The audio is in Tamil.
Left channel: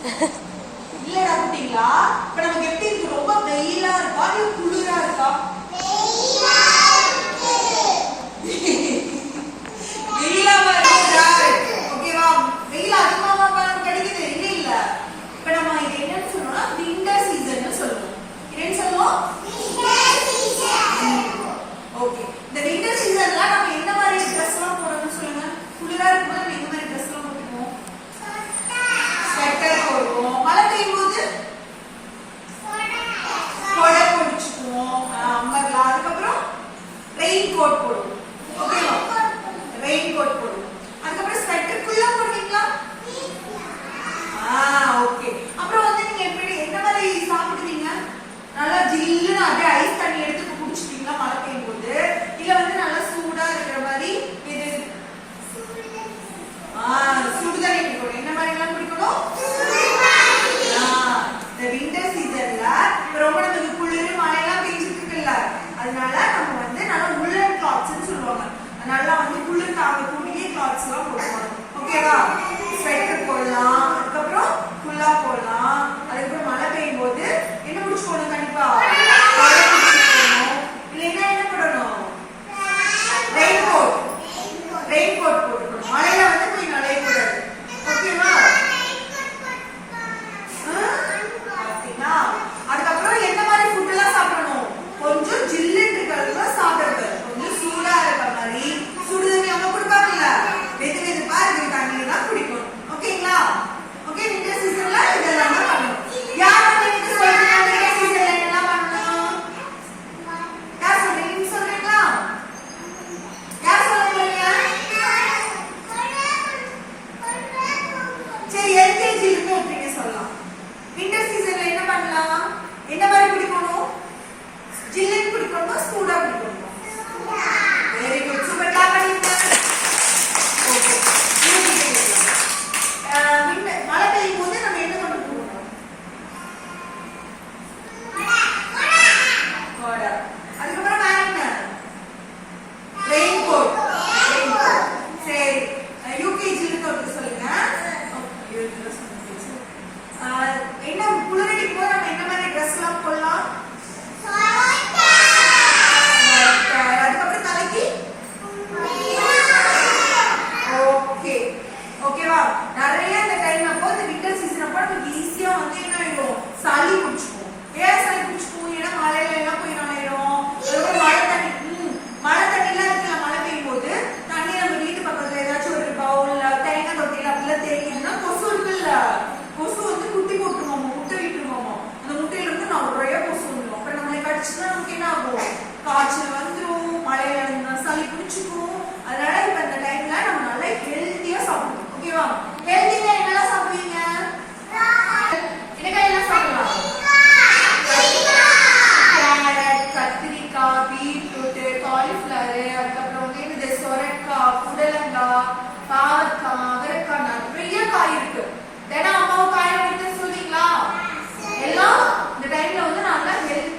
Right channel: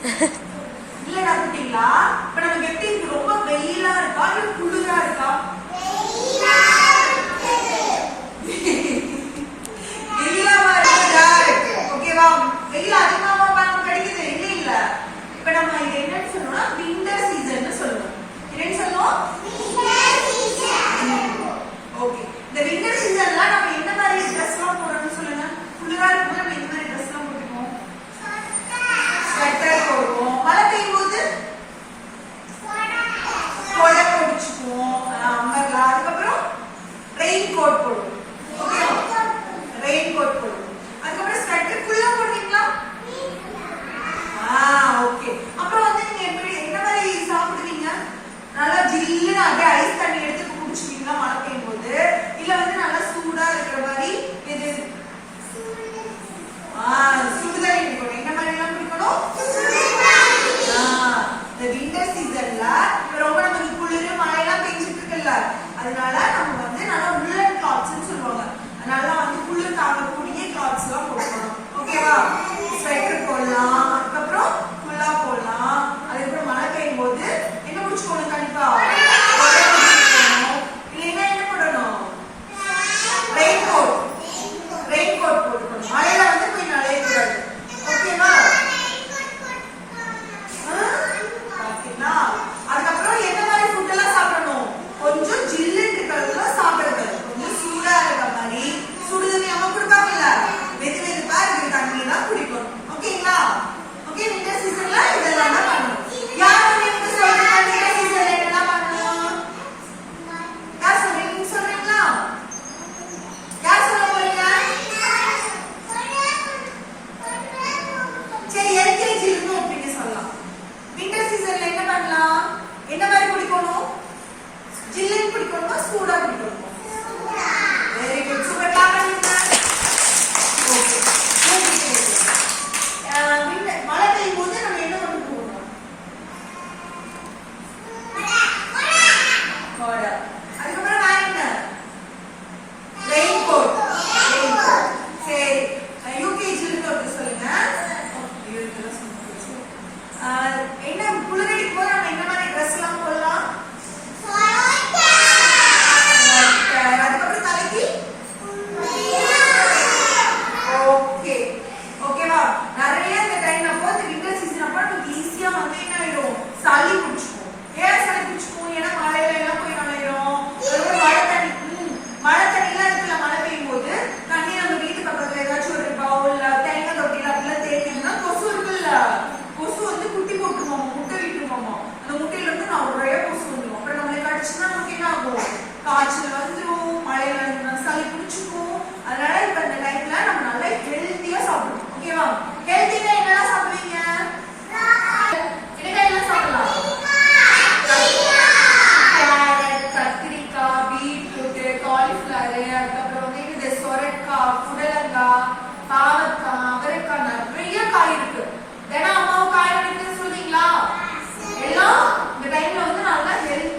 இல்லடா குட்டிங்களா, இப்ப நமக்கு எப்படி இருக்கு? ரொம்ப வெயிலா இருக்கா இல்ல குளிரா இருக்கா? வெயிலாவா இருக்குதா? ஓகேவா? வெயில் அதிகமா கிடைக்குது இல்ல இல்ல. இப்ப நம்ம இது என்னன்னு சொல்றோம்னா விண்டர் சீசன் சொல்லுவோம். என்னன்னு சொல்லுவோம்? ஓகே. இந்த விண்டர் சீசன்ல நம்ம என்ன மாதிரி ட்ரெஸ் எல்லாம் போடணும்னு சொல்லுங்க. குளிரா இருக்கும்போது நம்ம என்ன மாதிரி ட்ரெஸ் எல்லாம் போடுவோம்? ஸ்வெட்டர் போடுவோம். மழை பெய்யும் போது கொடை பிடிச்சுக்குவோம், அம்பர்லா. அதுக்கப்புறம் ரெயின் கோட் போடுவோம். ஓகேவா? ரெயின் கோட் போடுவோம். அதுக்கப்புறம் ஸ்வெட்டர் ஃபுல்லா போடுவீங்களா? ஓகே. அப்புறம் வந்து நீங்க எப்படி என்ன மாதிரி சாப்பிடுவீங்க? நல்லா ஜில்லுன்னு அப்படியே ஐஸ் தண்ணி எடுத்து குடிச்சுப்பீங்களா மழை பெய்யும் போது? இல்ல வந்து நல்லா சூடா இருக்கிற மாதிரி இது சுடுதண்ணி குடிக்கணும். என்ன மாதிரி எல்லாம் குடிக்கணும்? இந்த விண்டர் சீசன்ல ரொம்ப நமக்கு குளிர் மழை எல்லாம் பெஞ்சிட்டு இருக்குல்ல, அதனால நம்ம வந்து நல்லா உள்ளன் கிளாத்ஸ் சொல்லுவாங்க. அதனால வந்து குளிர் தாங்கக்கூடிய கிளாத்ஸ் எல்லாம் போடணும். ஓகேவா? ஸ்வெட்டர் போடலாம், அதுக்கப்புறம் ஃபுல்லா போடலாம். அதுக்கப்புறம் மழை பெய்யும் போது என்ன குடிச்சுக்கணும்? கண்டிப்பா இல்லைன்னா என்ன போடணும்? Rain coat. ரெயின் கோட் போட்டுக்கணும். மழையில வந்து போய் நனையக்கூடாது. ஓகேவா? அதுக்கப்புறம் எந்த மாதிரி ஃபுட் எல்லாம் சாப்பிடணும்? கொஞ்சம் ஜில்லுன்னு இருக்கிறது சாப்பிடுறது, கொஞ்சம் சூடா இருக்க மாதிரி சுடுதண்ணி அவங்க கொடுப்பாங்கல்ல, வெது வெதுப்பா இருக்கிற தண்ணி தான் குடிக்கணும். ஓகேங்களா? ஓகே. விண்டர் சீசன்ல இதெல்லாம் தான் பண்ணணும். யார் உங்களுக்கு சொல்றீங்க விண்டர் சீசன்ல என்னெல்லாம் பண்ணணும்? யார் சொல்றீங்க? நீங்க சொல்றீங்களா? யார் சொல்ல போறீங்க? சரி, எல்கேஜி இருந்து ஒப்பீங்க சொல்லலாம். விண்டர் சீசன்ல என்ன பண்ணலாம்? என்ன மாதிரி குடிக்கணும்? ஜில்லுன்னு குடிக்கணுமா சூடா குடிக்கணுமா? Very good. சூப்பர். கிளாப் பண்ணுங்க. ஓகே. மழை பெய்யும் போது நம்ம என்ன கொண்டு போகணும்? கொடை. அதுக்கப்புறம் வேற என்ன? Rain coat. சரி, யூகேஜி இருந்து சொல்லுங்க. என்ன குளிரடிக்கும் போது நம்ம என்ன மாதிரி ட்ரெஸ் எல்லாம் போடலாம்? அதுக்கப்புறம் தலைக்கு ஓகே. ஓகேவா? நிறைய இந்த டைம் அப்போ இந்த விண்டர் சீசன் அப்போ நமக்கு ஈஸியா வந்து என்ன ஆயிடும்? சளி பிடிச்சுக்கும். ஏன் சளி பிடிச்சுக்கும்? ஏன்னா மழையில எல்லாம் போய் நனையிடும். அதுக்கப்புறம் மழை தண்ணி எல்லாம் இருக்குல்ல, மழை பெய்யும் போது தண்ணி நம்ம வீட்டு பக்கத்துல ஏதாச்சும் ஒரு பவுல்ல தேங்காய் தொட்டில அப்படிலாம் தேய்க்கணும்னா கொசு இருக்குல்ல, கொசு வந்து குட்டி போட்டுருவோம், முட்டை விட்டுருவோம். அந்த முட்டையில இருந்து நிறைய கொசு வந்துடும். அப்புறம் நம்மளை கடிச்சுன்னா நமக்கு என்ன ஆகும்? காய்ச்சல் வந்துடும், மழையில சளி பிடிச்சிக்கும். அதனால இப்ப இந்த டைம்ல நம்ம நல்லா ஹெல்த்தியா சாப்பிடணும். ஓகேவா? ஹெல்த்தியா என்னெல்லாம் சாப்பிடுவீங்க? என்னெல்லாம் சாப்பிடலாம்? கேரட், கத்திரிக்காய், பீட்ரூட், காலிஃபிளவர், அதுக்கப்புறம் வந்து இந்த சொரக்காய், புடலங்காய், பாவக்காய், அவரைக்காய், நிறைய காய் இருக்கு. ஏன்னா அம்மாவும் காய் சொல்றீங்களா? எல்லாம் இந்த டைம்ல வந்து நல்லா ஹெல்த்